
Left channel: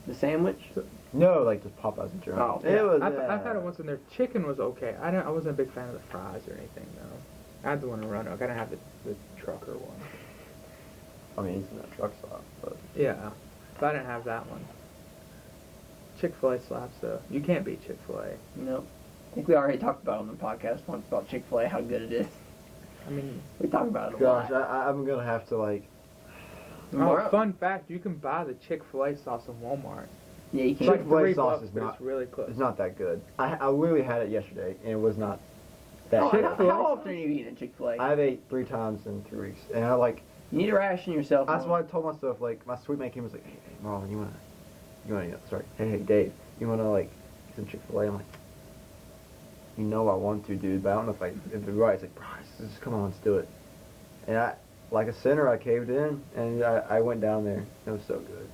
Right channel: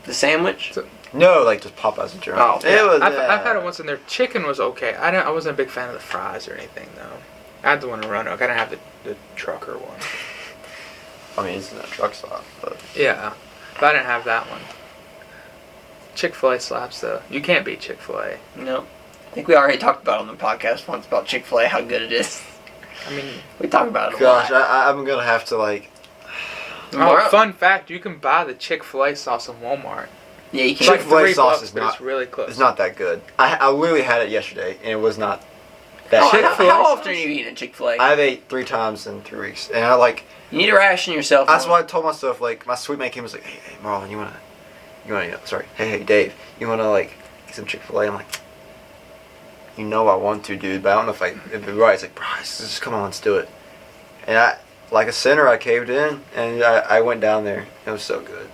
The sandwich? no like just Popeyes in general. Oh, it was. I've had it once and their chicken was okay. I wasn't a big fan of the fries or anything though. I had the one in Roanoke. I didn't have the trucker one. I mean, it's in a truck stop, but Yeah, but I didn't have that one. Chick-fil-A slaps though. You can't beat Chick-fil-A. No. I think we already talked about on the podcast once about Chick-fil-A, how good it is. I mean, We talk about it a gosh, lot. I'm gonna have to like. Tomorrow- fun fact, you can buy the Chick-fil-A sauce in Walmart. Yeah, you It's can. like Chick-fil-A $3, sauce is but not- it's really close. It's not that good. I literally had it yesterday and it was not that. How, good. Chick-fil-A how sauce? often are you eating at Chick-fil-A? I've ate 3 times in 3 weeks, and I like. You need to ration yourself. That's on. why I told myself, like, my sweet mate came and was like, hey, Marlon, you wanna, sorry, hey, Dave, you wanna, like, get some Chick-fil-A? I'm like, you know I want to, dude, but I don't know if it's right. It's like, bro, just come on, let's do it. And I, like a sinner, I caved in, and I went down there. It was so good.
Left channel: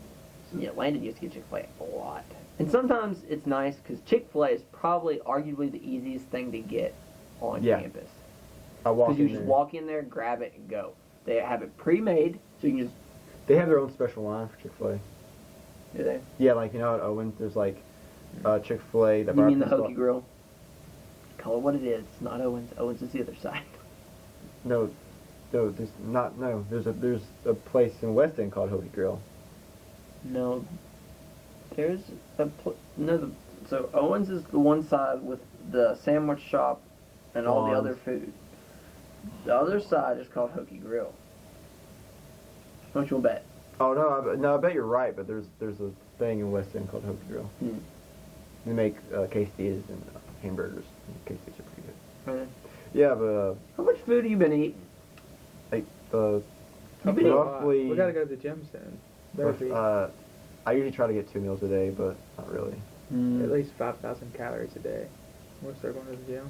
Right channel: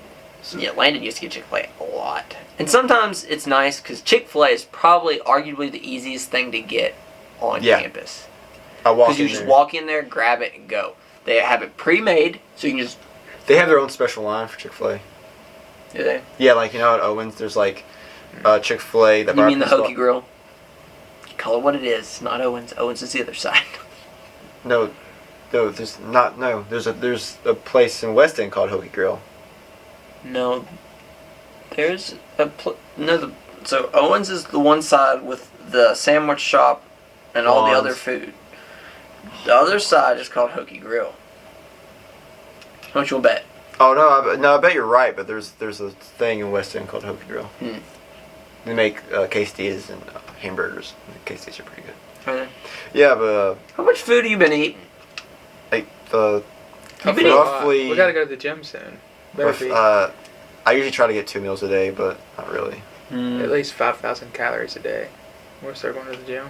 Yeah, Landon used to get Chick-fil-A a lot. And sometimes it's nice because Chick-fil-A is probably arguably the easiest thing to get on Yeah. campus. I walked Because you in just there. walk in there, grab it, and go. They have it pre-made, so you can just... They have their own special line for Chick-fil-A. Do they? Yeah, like, you know, at Owens, there's, like, Chick-fil-A. You mean the Hokey Grill? Call it what it is. It's not Owens. Owens is the other side. No, there's not. No, there's a place in West End called Hokey Grill. No. There's a... So Owens is the one side with the sandwich shop and all the Lawns. other food. The other side is called Hokey Grill. How much you'll bet? Oh no, I bet you're right. But there's a thing in West End called Hokey Grill. Hmm. They make quesadillas and hamburgers. The quesadillas are pretty good. Are they? Yeah, but How much food have you been eating? like the You've been roughly. We gotta go to the gym soon. Better with, be I usually try to get 2 meals a day, but not really. at least 5,000 calories a day. We'll start going to the gym.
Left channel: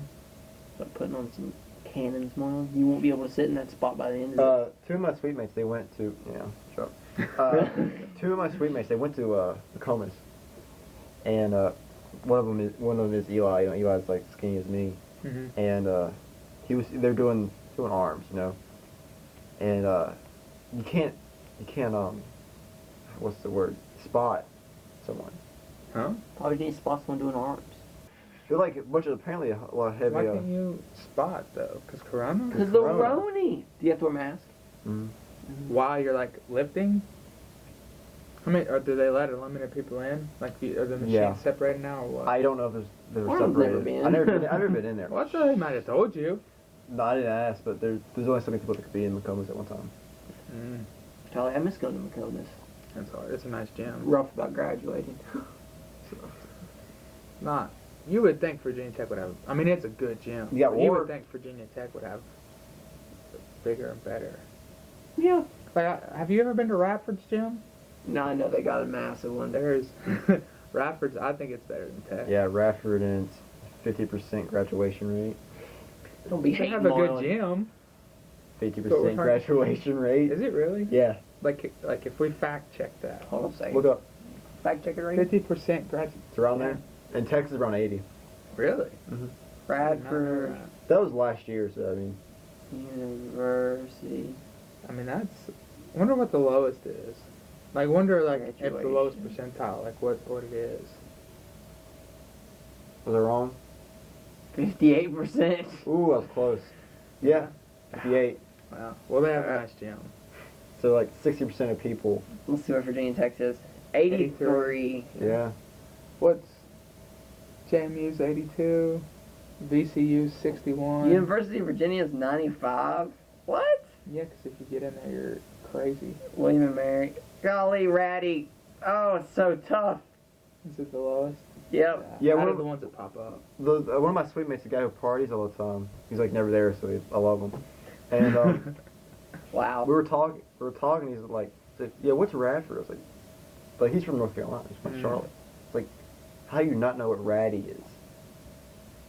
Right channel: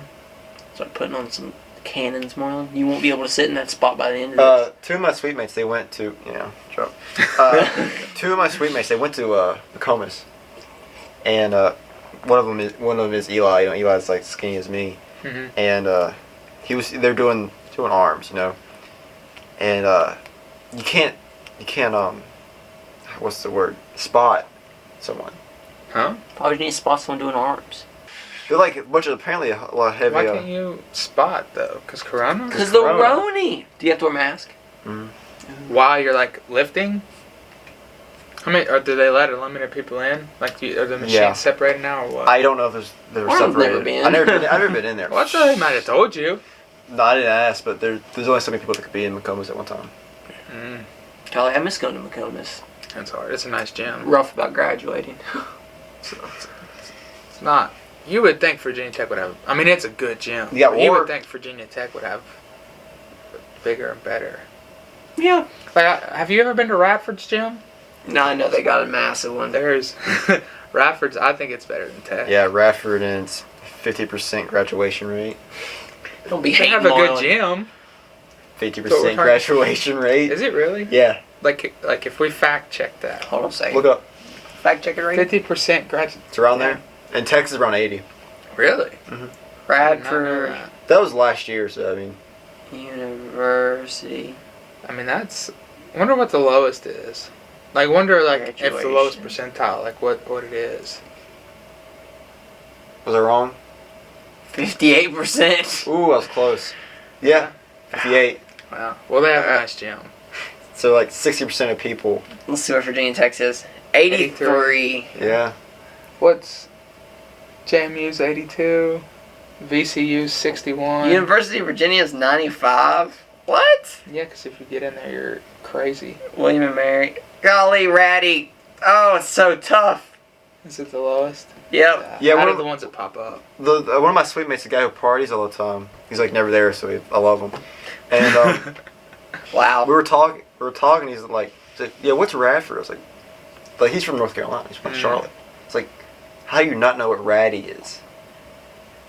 Start putting on some cannons, Marlon. You won't be able to sit in that spot by the end of this. 2 of my sweet mates, they went to joke. 2 of my sweet mates, they went to Nokomis, and one of them is Eli. You know, Eli's like skinny as me, Mm-hmm. and they're doing arms, you know, and you can't what's the word, spot someone. Huh? Probably need to spot someone doing arms. They're like a bunch of apparently a lot of heavy. Why can't you spot though? Cause Corona. Because the Corona. Roni. Do you have to wear a mask? Mhm. While you're like lifting. Or do they let unlimited people in? Like, are the machines Yeah. separated now or what? I don't know if they're I've never separated. been. I've never been in there. Well, I thought they might have told you. No, I didn't ask, but there's only so many people that could be in McComas at one time. Mm, Golly, I miss going to McComas. that's hard. It's a nice gym. Rough about graduating. So, It's not. You would think Virginia Tech would have. I mean, it's a good gym. Yeah, but you or- would think Virginia Tech would have bigger and better. Yeah. Like, have you ever been to Radford's gym? No, I know they got a massive one. There's Radford's. I think it's better than Tech. yeah, Radford and it's 50% graduation rate. Don't be They hating have a good on- gym. 50% graduation rate. Is it really? Yeah, Like if we fact check that, Hold on a second. look up. Fact check it right. 50% grad. It's around Yeah. there. And Texas is around 80. Really? Radford That was last year, so I mean, University. I mean, that's. I wonder what the lowest is. Like, wonder like if the lowest Graduation. percentile, like what it is. was I wrong? 58%. Ooh, I was close. Yeah, 58. Wow. Well, they have a nice gym. So like 60% of people. Let's see what Virginia Tech is. 83. Yeah. What's JMU's 82, VCU's 61. University of Virginia is 95. What? Yeah, because if you get in there, you're crazy. William and Mary. Golly, Ratty. Oh, it's so tough. Is it the lowest? Yep. Yeah, Out one of of- the ones that pop up. One of my suite mates, the guy who parties all the time. He's like never there, so I love him. And Wow. we were talking. He's like, yeah, what's Radford? I was like he's from North Carolina. He's from Charlotte. It's like, how do you not know what Ratty is?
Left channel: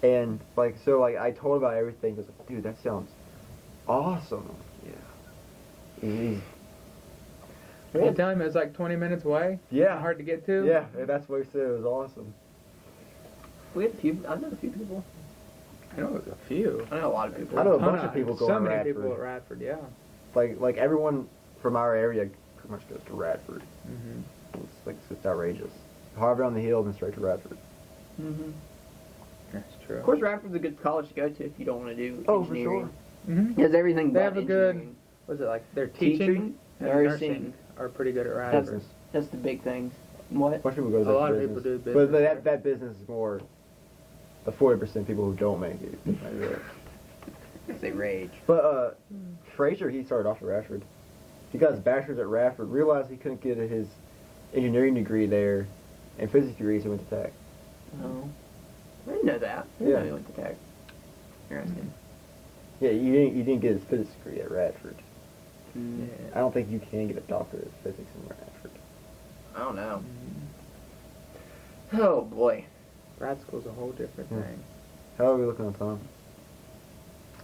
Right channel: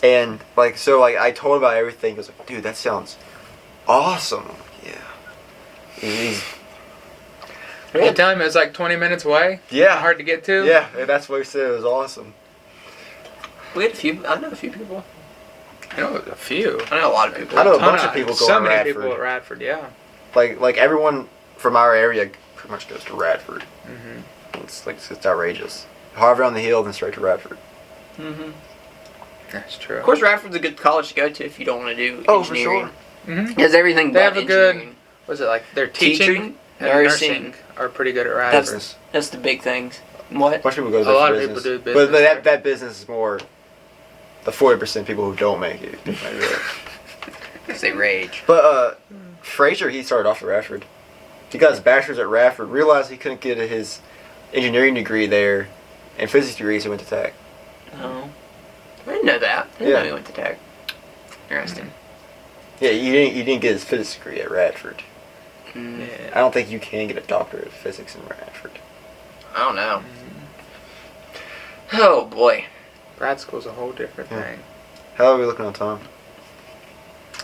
And like, so like I told him about everything. He was like, dude, that sounds awesome. I'm like, yeah. He's You tell him it was like 20 minutes away? yeah. Hard to get to? Yeah, and that's what he said. It was awesome. We had a few. I know a few people. I know a few. I know a lot of people. I know a ton bunch of people go So to many Radford. people at Radford, yeah. Like everyone from our area pretty much goes to Radford. Mm-hmm. It's outrageous. Harvard on the Hill, then straight to Radford. Mm-hmm. That's true. Of course, Radford's a good college to go to if you don't want to do Oh, for engineering. sure. Mm-hmm. Has everything They but have a good- engineering. Was it like their teaching, Teaching, and nursing. are pretty good at That's- Radford? Business. That's the big things. What? Much people go to A there lot for of people business. do business But that there. business is more the 40% people who don't make it. Make it. Because they rage. But Frazier, he started off at Radford. He got his bachelor's at Radford, realized he couldn't get his engineering degree there, and physics degree, so he went to Tech. Oh. I didn't know that. I didn't Yeah. know he went to Tech. Interesting. Yeah, he didn't get his physics degree at Radford. Mm. I don't think you can get a doctorate of physics in Radford. I don't know. Mhm. Oh boy. Grad school's a whole different Yeah. thing. How are we looking on time?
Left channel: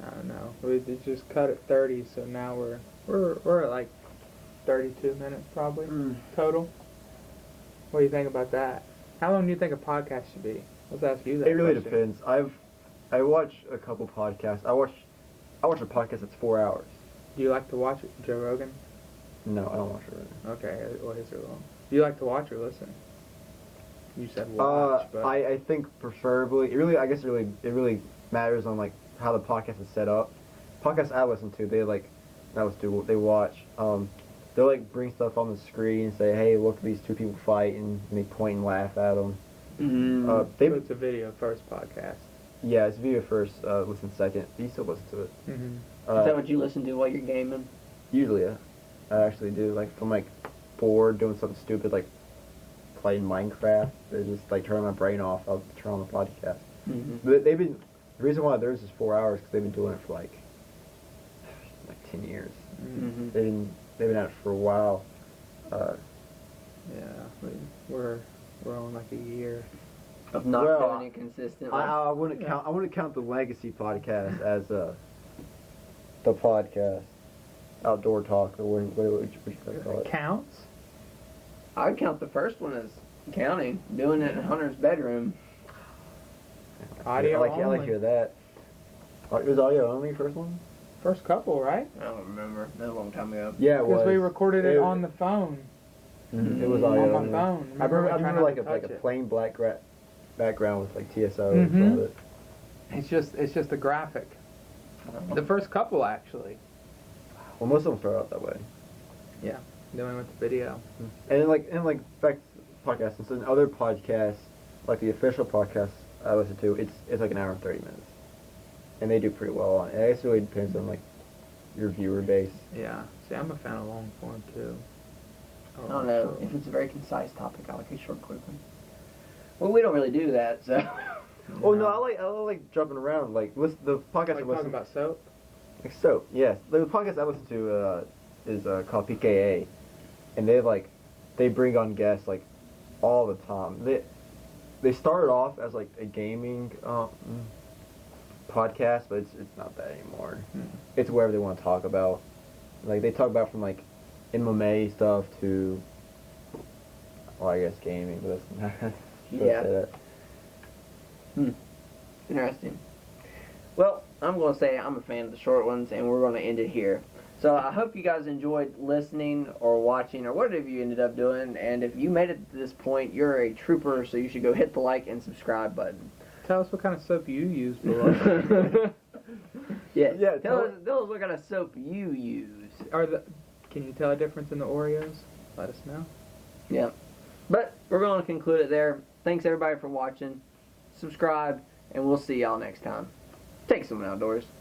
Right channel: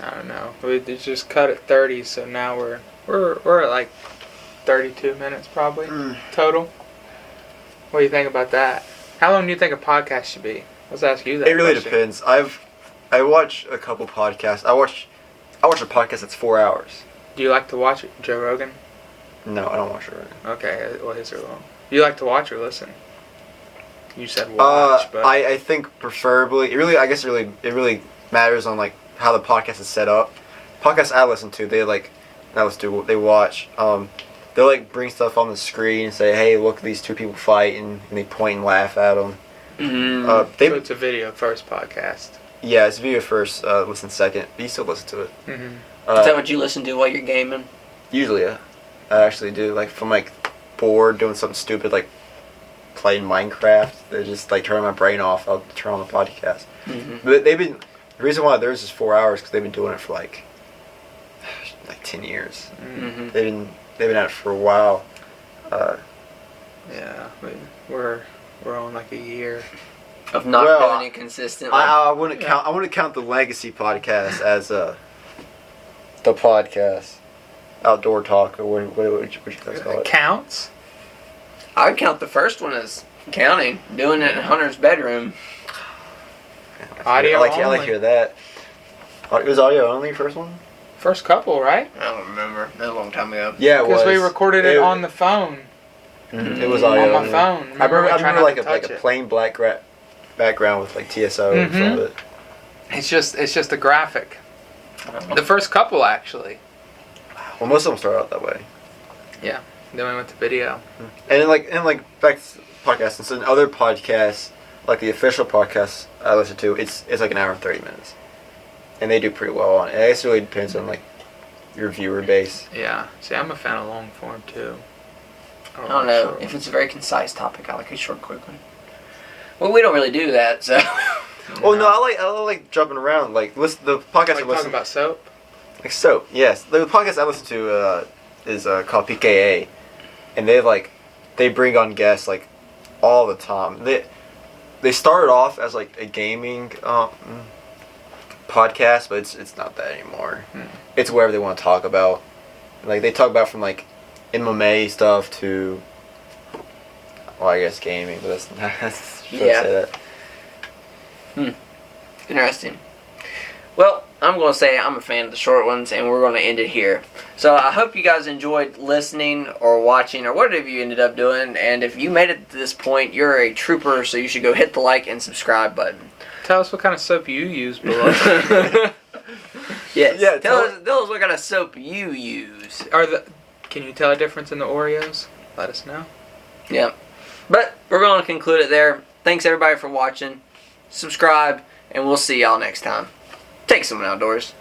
I don't know. We just cut at 30, so now we're at like 32 minutes probably total. What do you think about that? How long do you think a podcast should be? Let's ask you that. It really question. depends. I watch a couple podcasts. I watch a podcast that's 4 hours. Do you like to watch it, Joe Rogan? No, I don't watch it. Right. Okay, well his are long. Do you like to watch or listen? You said watch, but I think preferably I guess it really matters on like how the podcast is set up. Podcasts I listen to, they watch. They'll like bring stuff on the screen and say, hey, look, these two people fighting, and they point and laugh at them. Mm. so They it's a video first podcast. yeah, it's video first, listen second, but you still listen to it. Mm-hmm. Is that what you listen to while you're gaming? Usually, yeah, I actually do. Like if I'm like bored doing something stupid like playing Minecraft, they just like turn my brain off. I'll turn on the podcast. Mm-hmm. But the reason why theirs is 4 hours because they've been doing it for like 10 years. Mm-hmm. They've been at it for a while. Yeah, we're on like a year. Of not Well, doing it consistently. I wouldn't Yeah. count. I wouldn't count the Legacy podcast as the podcast, Outdoor Talk, or what would you guys call It it? counts. I would count the first one as counting. Doing it in Hunter's bedroom. Audio I like to only. hear that. It was audio only first one. First couple, right? I don't remember. That was a long time ago. Yeah, it was. Because we recorded it on the phone. Mhm, it was audio On my only. phone. I remember we tried not like to a touch it. plain black background with like TSO in front of it. It's just a graphic. The first couple actually. Well, most of them start out that way. Then we went to video. And like back to podcasts, and so in other podcasts, like the official podcast I listen to, it's like an hour and 30 minutes. and they do pretty well on it. I guess it really depends on like your viewer base. Yeah. See, I'm a fan of long form too. I don't know. short If ones. it's a very concise topic, I like a short, quick one. Well, we don't really do that, so. Oh no, I like jumping around. Like listen, the podcast Like I talking listen about soap. like soap. Yes, the podcast I listen to is called PKA, and they bring on guests like all the time. They started off as like a gaming podcast, but it's not that anymore. It's whatever they want to talk about. Like they talk about from like MMA stuff to, well, I guess gaming, but that's not. Yeah. Say that. Interesting. Well, I'm going to say I'm a fan of the short ones, and we're going to end it here. So I hope you guys enjoyed listening or watching or whatever you ended up doing. And if you made it to this point, you're a trooper, so you should go hit the like and subscribe button. Tell us what kind of soap you use below. Yes. Yeah, Tell us what kind of soap you use. Can you tell a difference in the Oreos? Let us know. Yeah. But we're going to conclude it there. Thanks everybody for watching. Subscribe, and we'll see y'all next time. Take someone outdoors.